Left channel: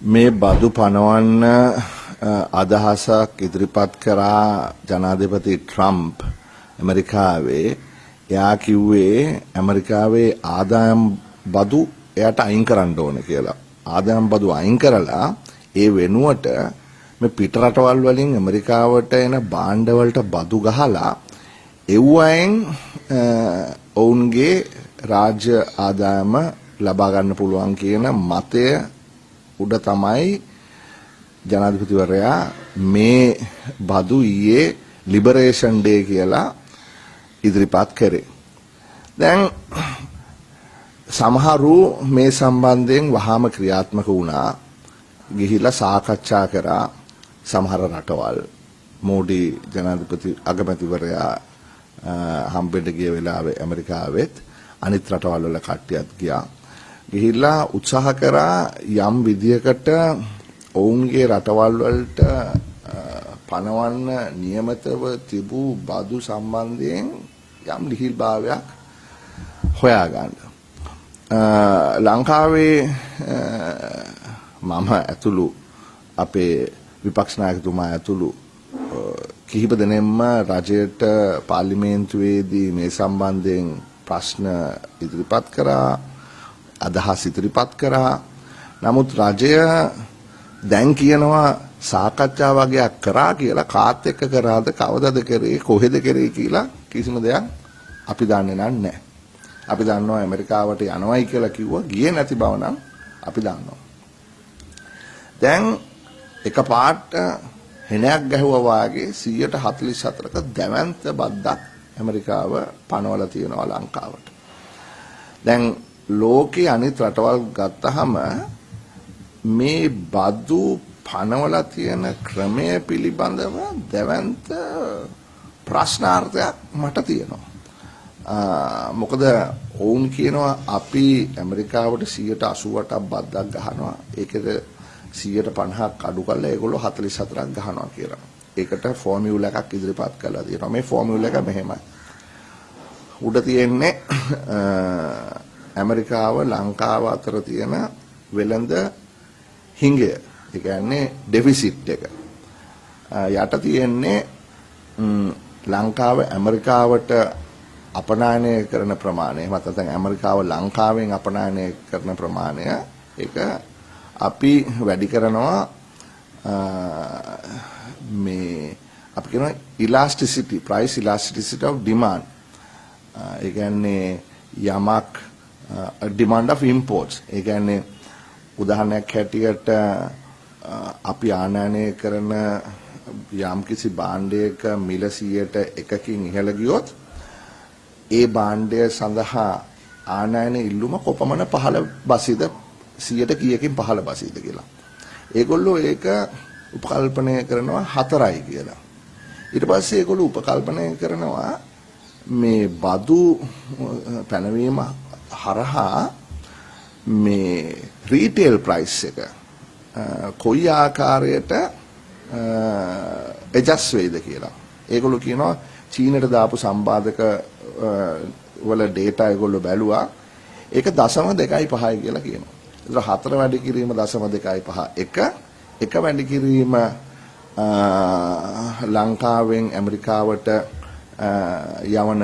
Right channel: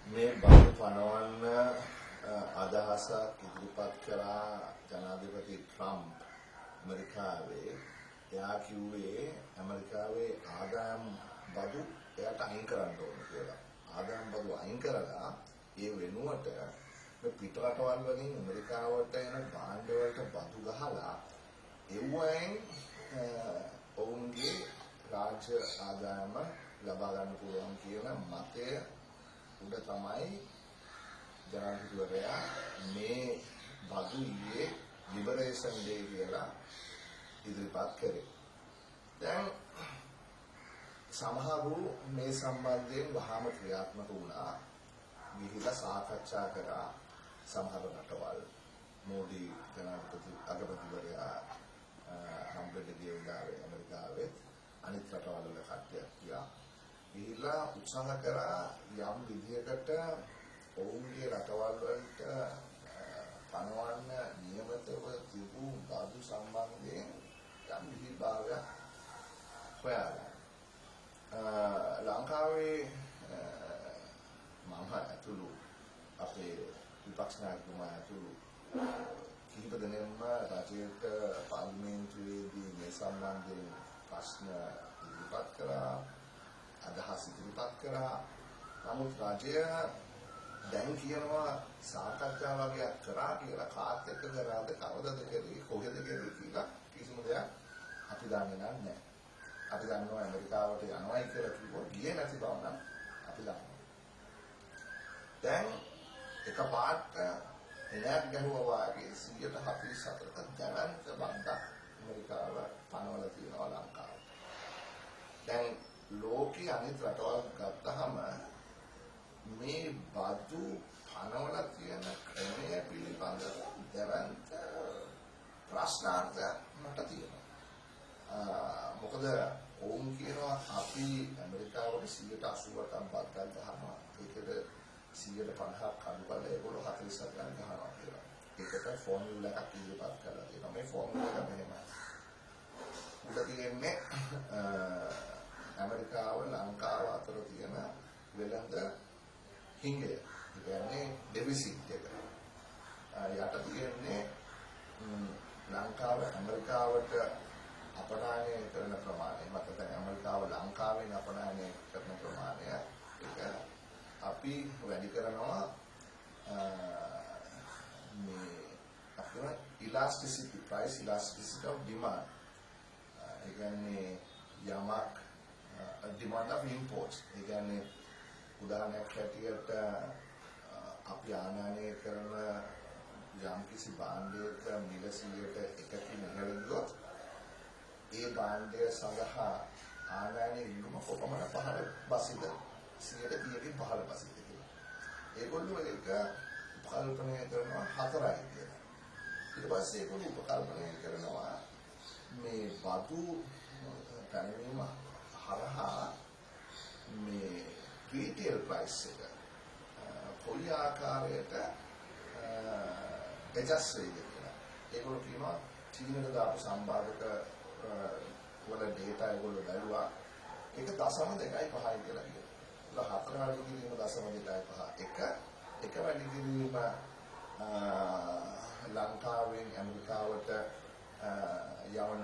මේ බදු පනවන්න අදහසක් ඉදිරිපත් කරා ජනාධිපති ට්‍රම්ප් ඇමරිකාවේ. එයා කිව්වේ ඇමරිකාවේ ආදායම් බදු එයාට අයින් කරන්න ඕන කියලා. ආදායම් බදු අයින් කරලා ඒ වෙනුවට මේ පිට රටවල් වලින් ඇමරිකාවට එන භාණ්ඩ වලට බදු ගහලා එව්වයින් ඔවුන්ගේ රාජ්‍ය ආදායම ලබා ගන්න පුළුවන් කියන මතය උඩ තමයි ජනාධිපතිවරයා මේ බදු ඊයේ ලිබරේෂන් ඩේ කියලා ඉදිරිපත් කරේ. දැන් සමහරු මේ සම්බන්ධයෙන් වහාම ක්‍රියාත්මක වුණා. ගිහිලා සාකච්ඡා කරා සමහර රටවල්. මෝඩි ජනාධිපති අගමැතිවරයා හම්බෙන්න ගිය වෙලාවේ ඇමරිකාවෙත් අනිත් රටවල් වල කට්ටියත් ගියා. ගිහිල්ලා උත්සාහ කරා යම් විදියකට ඔවුන්ගේ රටවල් වලට පනවන්න නියමිතව තිබූ බදු සම්බන්ධයෙන් යම් ලිහිල්භාවයක් හොයාගන්න. ලංකාවේ මම ඇතුළු අපේ විපක්ෂ නායකතුමා ඇතුළු කිහිප දෙනෙක්ම රජයට පාර්ලිමේන්තුවේදී මේ සම්බන්ධයෙන් ප්‍රශ්න ඉදිරිපත් කරා, අදහස් ඉදිරිපත් කරා. නමුත් රජය දැන් කියනවා සාකච්ඡා වගේක් කරා කියලා. කාත් එක්ක කරාද, කවදද කරේ, කොහෙද කරේ කියලා කිසිම දෙයක් අපි දන්නේ නැහැ. අපි දන්නවා ඇමරිකාවට යනවයි කියලා කිව්වා, ගියේ නැති බව නම් අපි දන්නවා. දැන් එකපාරට හෙනයක් ගැහුවා වාගේ 144ක දැවැන්ත බද්දක් ඇමරිකාව පනවලා තියෙනවා ලංකාවට. දැන් ලෝකේ අනිත් රටවල් ගත්තහම මේ බදු පනවලා තියෙන ක්‍රමය පිළිබඳව දැවැන්ත ප්‍රශ්නාර්ථයක් මට තියෙනවා. මොකද ඔවුන් කියනවා අපි ඇමරිකාවට 188ක් බද්දක් ගහනවා. ඒකද 150ක් අඩු කරලා ඒගොල්ලෝ 44ක් ගහනවා කියලා. ඒකට ෆෝමියුලා එකක් ඉදිරිපත් කරලා තියෙනවා. මේ ෆෝමියුලා එක මෙහෙමයි. උඩ තියෙන්නේ ඇමරිකාව ලංකාව අතර තියෙන වෙළඳ හිඟය. ඒ කියන්නේ ඩෙෆිසිට් එක. යට තියෙන්නේ ලංකාව ඇමරිකාවට අපනයනය කරන ප්‍රමාණය. එහෙම නැත්නම් ඇමරිකාව ලංකාවෙන් අපනයනය කරන ප්‍රමාණය ඒක අපි වැඩි කරනවා මේ අපි කියනවා elasticity, price elasticity of demand. ඒ කියන්නේ යමක් demand of imports. ඒ කියන්නේ උදාහරණයක් හැටියට අපි ආනයනය කරන යම්කිසි භාණ්ඩයක මිල 100%කින් ඉහළ ගියොත් ඒ භාණ්ඩය සඳහා ආනයන ඉල්ලුම කොපමණ පහළ බසීද, 100ට කීයකින් පහළ බසීද කියලා. ඒගොල්ලෝ ඒක උපකල්පනය කරනවා 4යි කියලා. ඊට පස්සේ ඒගොල්ලෝ උපකල්පනය කරනවා මේ බදු පැනවීම හරහා මේ රීටේල් ප්‍රයිස් එක කොයි ආකාරයට ඇඩ්ජස්ට් වෙයිද කියලා. ඒගොල්ලෝ කියනවා චීනට දාපු සම්බාධක වල ඩේටා ඒගොල්ලෝ බැලුවා. ඒක 0.25යි කියලා කියනවා. ඒතර 4 වැඩි කිරීම 0.25 එක වැඩි කිරීම ලංකාවෙන් ඇමරිකාවට යවන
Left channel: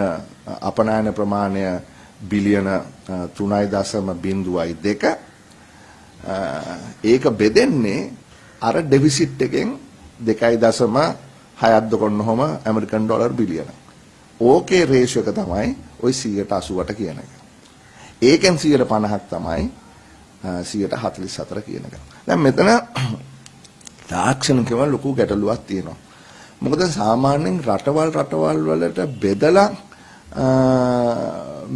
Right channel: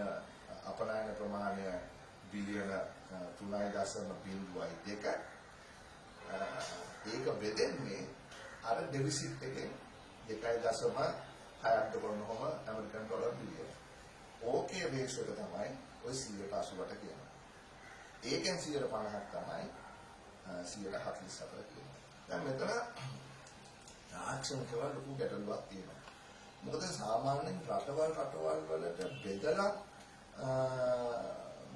අපනයන ප්‍රමාණය බිලියන 3.02. ඒක බෙදෙන්නේ අර ඩෙෆිසිට් එකෙන් 2.6ක් දොකොන්නොම ඇමරිකන් ඩොලර් බිලියන. ඕකේ රේෂියෝ එක තමයි ওই 188 කියන එක. ඒකෙන් 150ක් තමයි 144 කියන එක. දැන් මෙතන තාක්ෂණිකව ලොකු ගැටලුවක් තියෙනවා. මොකද සාමාන්‍යයෙන් රටවල් වලට බෙදලා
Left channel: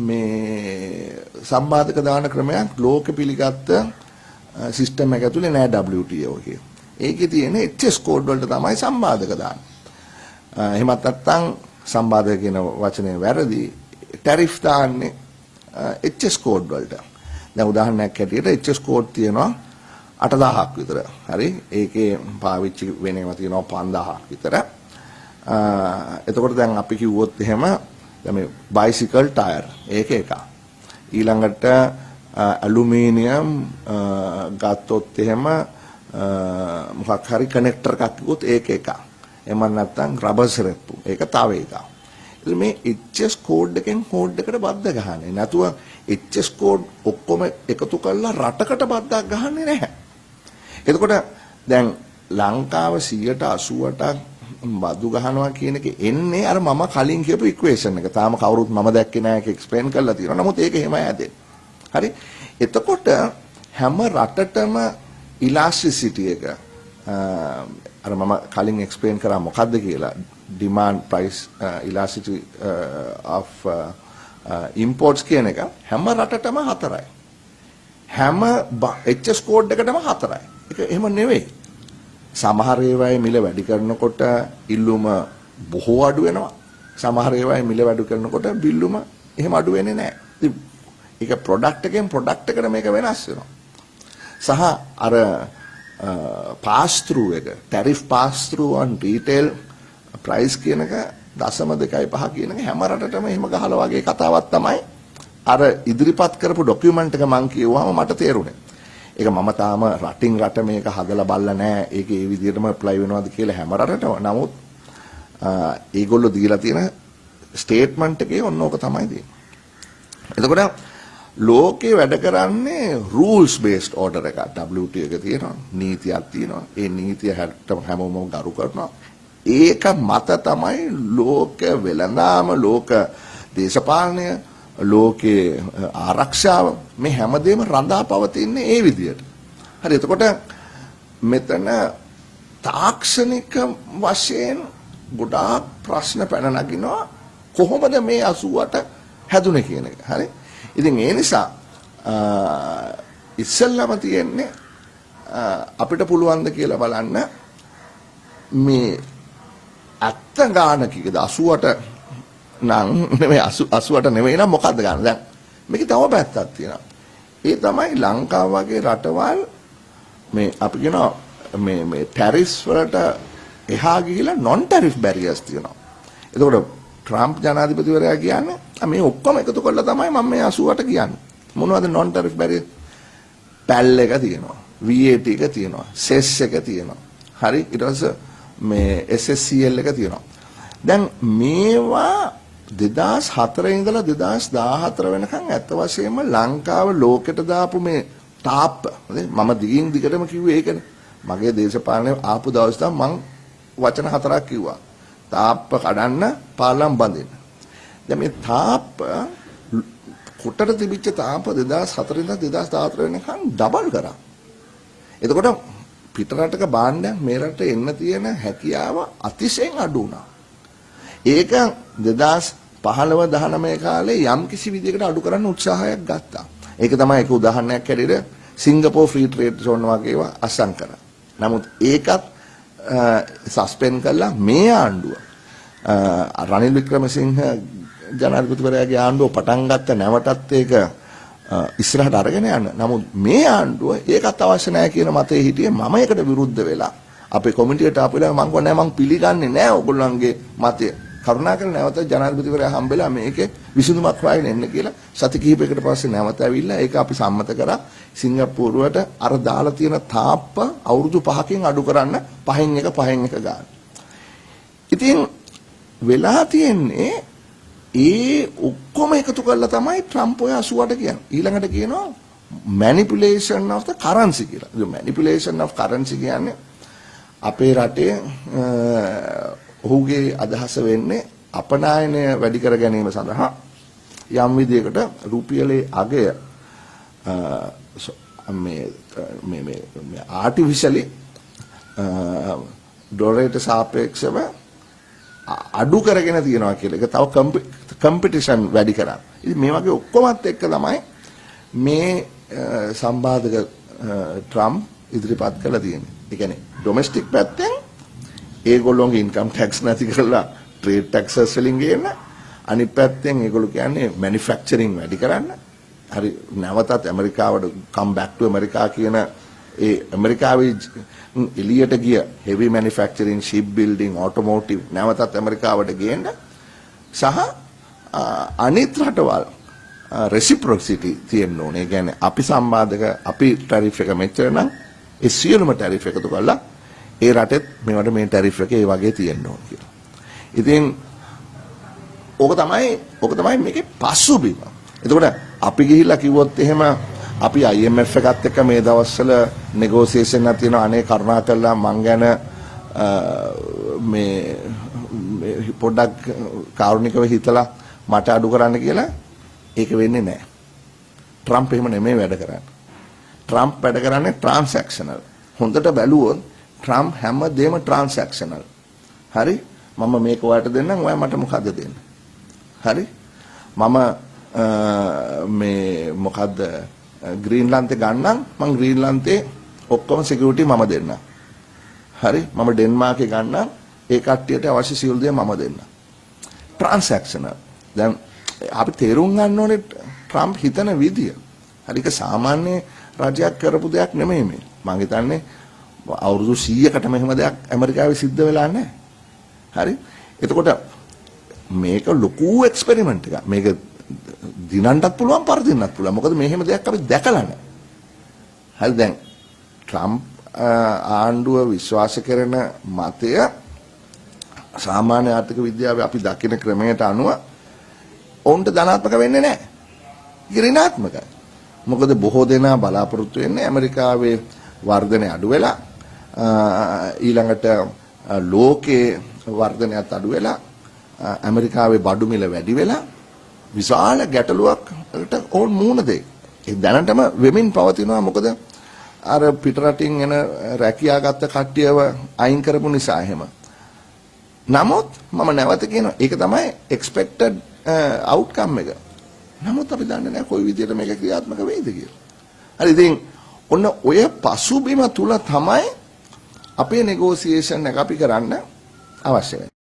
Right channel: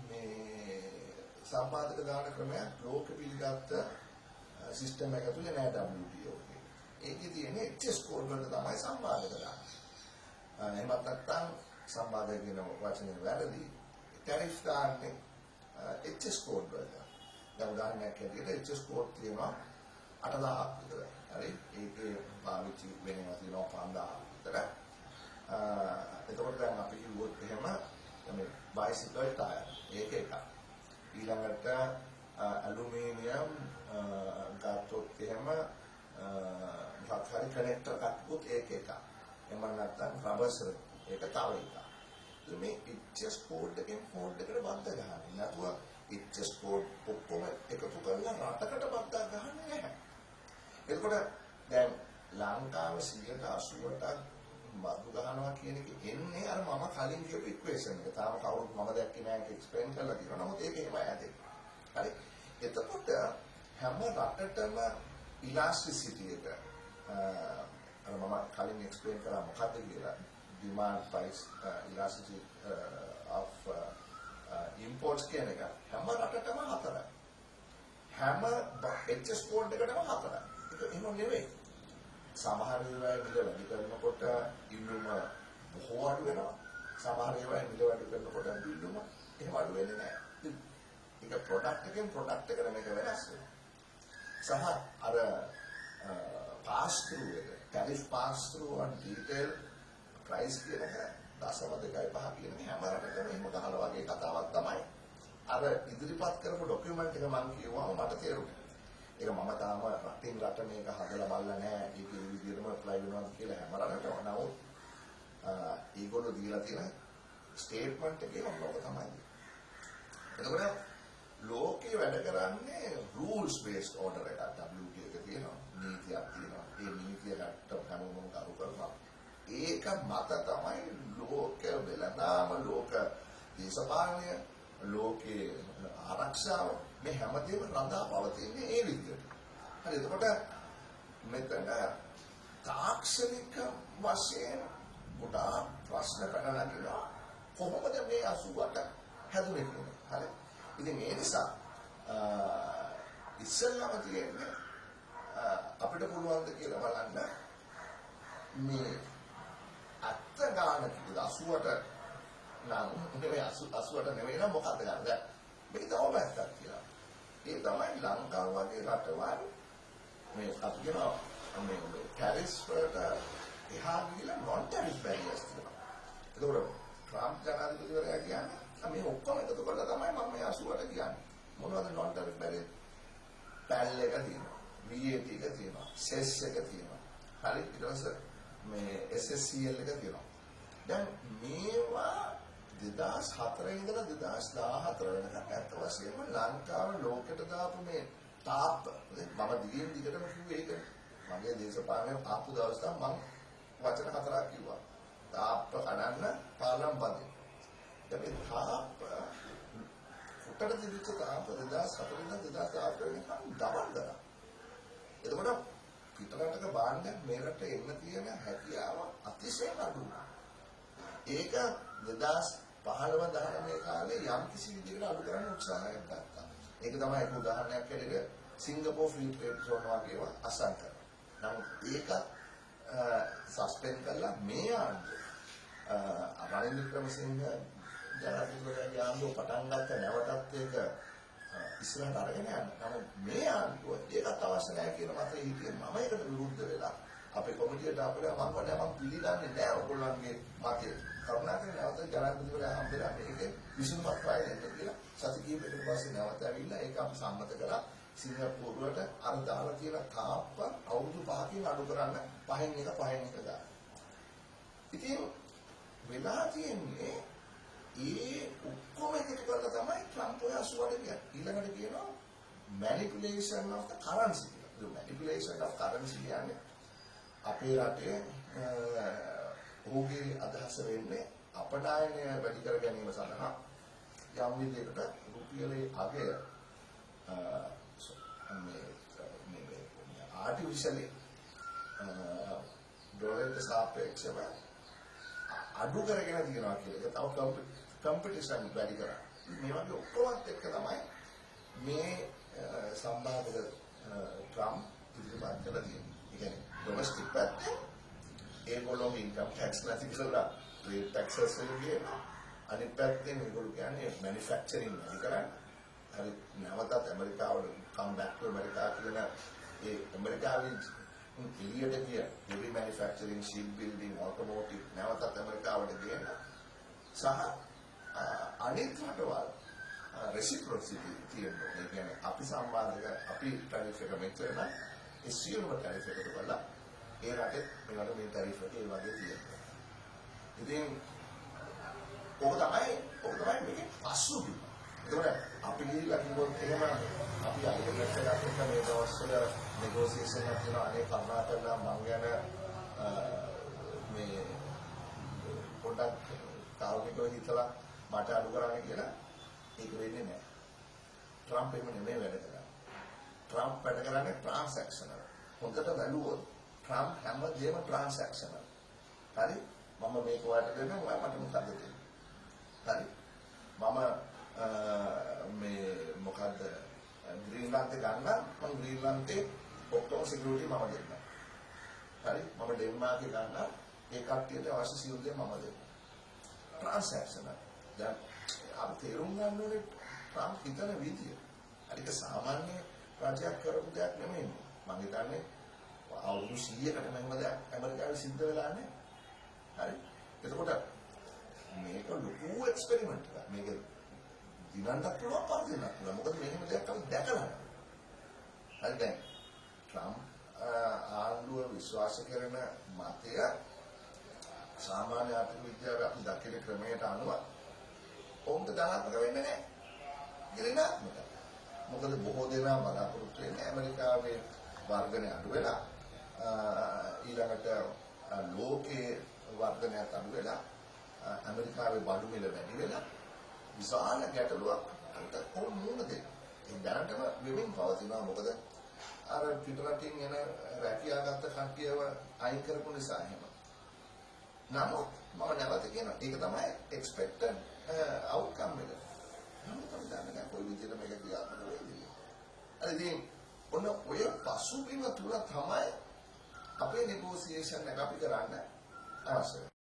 මේ සම්බාධක දාන ක්‍රමයක් ලෝක පිළිගත්ත සිස්ටම් එක ඇතුලේ නෑ WTO එකේ. ඒකේ තියෙන HS කෝඩ් වලට තමයි සම්බාධක දාන්නේ. එහෙමත් නැත්නම් සම්බාධක කියන වචනේ වැරදි. ටැරිෆ් දාන්නේ HS කෝඩ් වලට. දැන් උදාහරණයක් හැටියට HS කෝඩ් තියෙනවා 8000ක් විතර. හරි. ඒකේ පාවිච්චි වෙන ඒවා තියෙනවා 5000ක් විතර. එතකොට දැන් අපි කිව්වොත් එහෙම දැන් මේ බයිසිකල් ටයර් ඒක එකක්. ඊළඟට ඇලුමිනියම් ගත්තොත් එහෙම මොකක් හරි කනෙක්ටර් එකක් කිව්වොත් ඒක එකක්. එහෙම නැත්නම් රබර් සරප්පු. ඒක තව එකක්. ඉතින් මේ HS කෝඩ් එකෙන් කෝඩ් එකට බද්ද ගහන්නේ. නැතුව HS කෝඩ් ඔක්කොම එකතු කරලා රටකට බද්දක් ගහන්නේ නැහැ. එතකොට දැන් ලංකාව 188ක් බදු ගහනවා කියන එක එන්නේ අර මම කලින් කියපු ඉක්වේෂන් එක. තාම කවුරුත් මම දැක්කේ නැහැ ඒක එක්ස්ප්ලেইন කරලා තියෙනවා. නමුත් ඒක එහෙමයි හැදෙන්නේ. හරි. එතකොට හැම රටටම ඉලාස්ටිසිටි එක අර මම කලින් එක්ස්ප්ලেইন කරා මොකද්ද කියලා demand price elasticity of imports කියන එක හැම රටටම 4යි. හැම HS කෝඩ් එකටම 4යි. ඒක එහෙම නෙවෙයි. සමහර ඒවායේ මිල වැඩි කරනකොට ඉල්ලුම බොහෝ අඩු වෙනවා. සමහර ඒවායේ මිල වැඩි කරනකොට බිල්ලුම එහෙම අඩු වෙන්නේ නැහැ. ඉතින් ඒක ප්‍රොඩක්ට් එකෙන් ප්‍රොඩක්ට් එකට මේක වෙනස් වෙනවා. සහ අර pass through එක tariff pass through on retail price කියන එක 0.25 කියන එක හැම රටටම එහෙම ගහලා වගේ කතාවක් තමයි අර ඉදිරිපත් කරපු ડોකියුමන්ට් එක මම කියුවාම මට තේරුණේ. ඒක මම තාම රටින් රට මේක හදලා බලලා නැහැ. ඒක ඒ විදිහටම ඇප්ලයි වෙනවද කියලා හැම රටටම. නමුත් ඒගොල්ලෝ දීලා තියෙන ස්ටේට්මන්ට් එකේ ඔන්න ඕක තමයි තියෙන්නේ. එතකොට ලෝකේ වැඩ කරන්නේ rules based order එකක්. WTO එක තියෙනවා. නීතියක් තියෙනවා. ඒ නීතිය හැමෝම ගරු කරනවා. ඒක මත තමයි ලෝක වෙළඳාම, ලෝක දේශපාලනය, ලෝකේ ආරක්ෂාව මේ හැමදේම රඳා පවතින්නේ ඒ විදියට. හරි. එතකොට මෙතන තාක්ෂණික වශයෙන් ගොඩාක් ප්‍රශ්න පැන නගිනවා කොහොමද මේ 88 හැදුනේ කියන එක. හරි. ඉතින් ඒ නිසා ඉස්සෙල්ලාම තියෙන්නේ අපිට පුළුවන් ද කියලා බලන්න මේ අත්ත ගාන කීයද 88 නම් නෙමෙයි 88 නෙමෙයි නම් මොකද්ද ගන්න. දැන් මේකේ තව පැත්තක් තියෙනවා. ඒ තමයි ලංකාව වගේ රටවල් මේ අපි කියනවා මේ ටැරිෆ්ස් වලට එහා ගිහිලා non tariff barriers තියෙනවා. එතකොට ට්‍රම්ප් ජනාධිපතිවරයා කියන්නේ මේ ඔක්කොම එකතු කරලා තමයි මම මේ 88 කියන්නේ. මොනවද non tariff barrier? පැල් එක තියෙනවා. VAT එක තියෙනවා. සෙස් එක තියෙනවා. හරි. ඊට පස්සේ මේ SSCL එක තියෙනවා. දැන් මේවා 2004 ඉඳලා 2014 වෙනකන් ඇත්ත වශයෙන්ම ලංකාව ලෝකෙට දාපු මේ තාප්ප මම දිගින් දිගටම කිව්වේ ඒකනේ. මගේ දේශපාලනේ ආපු දවස් තමයි මං වචන 4ක් කිව්වා. තාප්ප කඩන්න පාලම් බඳින්න. දැන් මේ තාප්ප කොටට තිබිච්ච තාප්ප 2004 ඉඳලා 2014 වෙනකන් ඩබල් කරා. එතකොට පිටරටක භාණ්ඩයක් මේ රටේ එන්න තියෙන හැකියාව අතිශයින් අඩු වුණා. ඒක 2015-19 කාලේ යම් කිසි විදිහකට අඩු කරන්න උත්සාහයක් ගත්තා. ඒක තමයි ඒක උදාහරණයක් හැටියට සිංගප්පූර් ෆ්‍රී ට්‍රේඩ් සෝන් වගේ ඒවා අසං කරා. නමුත් ඒකත් සස්පෙන්ඩ් කළා මේ ආණ්ඩුව. රනිල් වික්‍රමසිංහ ජනාධිපතිවරයාගේ ආණ්ඩුව පටන් ගත්ත නැවතත් ඒක ඉස්සරහට අරගෙන යන්න. නමුත් මේ ආණ්ඩුව ඒකත් අවශ්‍ය නැහැ කියන මතේ හිටියේ මම ඒකට විරුද්ධ වෙලා අපේ කොමිටියට ආපු වෙලාව මම කිව්වා නෑ මම පිළිගන්නේ නෑ ඔයගොල්ලන්ගේ මතය. කරුණාකරලා නැවත ජනාධිපතිවරයා හම්බෙලා මේකේ විසඳුමක් හොයාගෙන එන්න කියලා සති කිහිපයකට පස්සේ නැවත ඇවිල්ලා ඒක අපි සම්මත කරා සිංගප්පූරුවට අර දාලා තියෙන තාප්ප අවුරුදු 5කින් අඩු කරන්න පහෙන් එක ගන්න. ඉතින් වෙලා තියෙන්නේ ඒ ඔක්කොම එකතු කරලා තමයි ට්‍රම්ප් ඔය 88 කියන්නේ. ඊළඟට කියනවා manipulation of the currency කියලා. ඒ manipulation of currency කියන්නේ අපේ රටේ ඔහුගේ අදහස වෙන්නේ අපනායනය වැඩි කර ගැනීම සඳහා යම් විදියකට රුපියලේ අගය මේ ආටිෆිෂලි ඩොලරයට සාපේක්ෂව අඩු කරගෙන තියනවා කියලා. ඒක තව කම්පිටිෂන් වැඩි කරා. ඉතින් මේ වගේ ඔක්කොමත් එක්ක තමයි මේ සම්බාධක ට්‍රම්ප් ඉදිරිපත් කළා තියෙන්නේ. ඒ කියන්නේ ඩොමෙස්ටික් පැත්තෙන් ඒගොල්ලෝගේ ඉන්කම් ටැක්ස් නැති කරලා ට්‍රේඩ් ටැක්සස් වලින් ගේන්න. අනිත් පැත්තෙන් ඒගොල්ලෝ කියන්නේ මැනුෆැක්චරින් වැඩි කරන්න. හරි නැවතත් ඇමරිකාවට කම් බෑක් ටු ඇමරිකා කියන ඒ ඇමරිකාවේ එළියට ගිය heavy manufacturing, ship building, automotive නැවතත් ඇමරිකාවට ගේන්න සහ අනිත් රටවල් reciprocity තියෙන්න ඕනේ. ඒ කියන්නේ අපි සම්බාධක අපි ටැරිෆ් එක මෙච්චර නම් ඒ සියලුම ටැරිෆ් එකතු කරලා ඒ රටෙත් මේවට මේ ටැරිෆ් එක ඒ වගේ තියෙන්න ඕන කියලා. ඉතින් ඕක තමයි මේකේ පසුබිම. එතකොට අපි ගිහිල්ලා කිව්වොත් එහෙම අපි IMF එකත් එක්ක මේ දවස්වල නෙගෝසියේෂන් එකක් තියෙනවා අනේ කරුණා කරලා මං ගැන මේ පොඩ්ඩක් කාරුණිකව හිතලා මට අඩු කරන්න කියලා ඒක වෙන්නේ නැහැ. ට්‍රම්ප් එහෙම නෙමෙයි වැඩ කරන්නේ. ට්‍රම්ප් වැඩ කරන්නේ ට්‍රාන්සැක්ෂනල්. හොඳට බැලුවොත් ට්‍රම්ප් හැමදේම ට්‍රාන්සැක්ෂනල්. හරි? මම මේක ඔයාලට දෙන්නම් ඔයා මට මොකද්ද දෙන්නේ? හරි? මම මේ මොකද්ද ග්‍රීන්ලන්තේ ගන්නම් මම ග්‍රීන්ලන්තේ ඔක්කොම සිකියුරිටි මම දෙන්නම්. හරි? මම ඩෙන්මාර්කේ ගන්නම් ඒ කට්ටියට අවශ්‍ය සියලු දේ මම දෙන්නම්. ට්‍රාන්සැක්ෂනල්. දැන් අපි තේරුම් ගන්න ඕනේ ට්‍රම්ප් හිතන විදිය. හරි ඒක සාමාන්‍ය රජයක් කරපු දෙයක් නෙමෙයි මේ. මම හිතන්නේ අවුරුදු 100කට මෙහෙම දෙයක් ඇමරිකාවේ සිද්ධ වෙලා නැහැ. හරි? එතකොට මේක ලොකු එක්ස්පෙරිමන්ට් එකක්. මේක දිනන්නත් පුළුවන් පරදින්නත් පුළුවන්. මොකද මෙහෙම දෙයක් අපි දැකලා නැහැ. හරි දැන් ට්‍රම්ප් ආණ්ඩුව විශ්වාස කරන මතය සාමාන්‍ය ආර්ථික විද්‍යාවේ අපි දකින ක්‍රමයට අනුව ඔවුන්ට ධනාත්මක වෙන්නේ නැහැ. ඍණාත්මකයි. මොකද බොහෝ දෙනා බලාපොරොත්තු වෙන්නේ ඇමරිකාවේ වර්ධනය අඩු වෙලා ඊළඟට ලෝකයේ වර්ධනයත් අඩු වෙලා ඇමරිකාවේ බඩු මිල වැඩි වෙලා විශාල ගැටලුවකට ඕන් මුහුණ දෙයි. ඒ දැනටම වෙමින් පවතිනවා මොකද අර පිටරටින් එන රැකියාගත්ත කට්ටියව අයින් කරපු නිසා එහෙම. නමුත් මම නැවත කියනවා ඒක තමයි expected outcome එක. නමුත් අපි දන්නේ නැහැ කොයි විදිහට මේක ක්‍රියාත්මක වෙයිද කියලා. හරි ඉතින් ඔන්න ඔය පසුබිම තුල තමයි අපේ නෙගෝසියේෂන් එක අපි කරන්න අවශ්‍ය වෙන්නේ.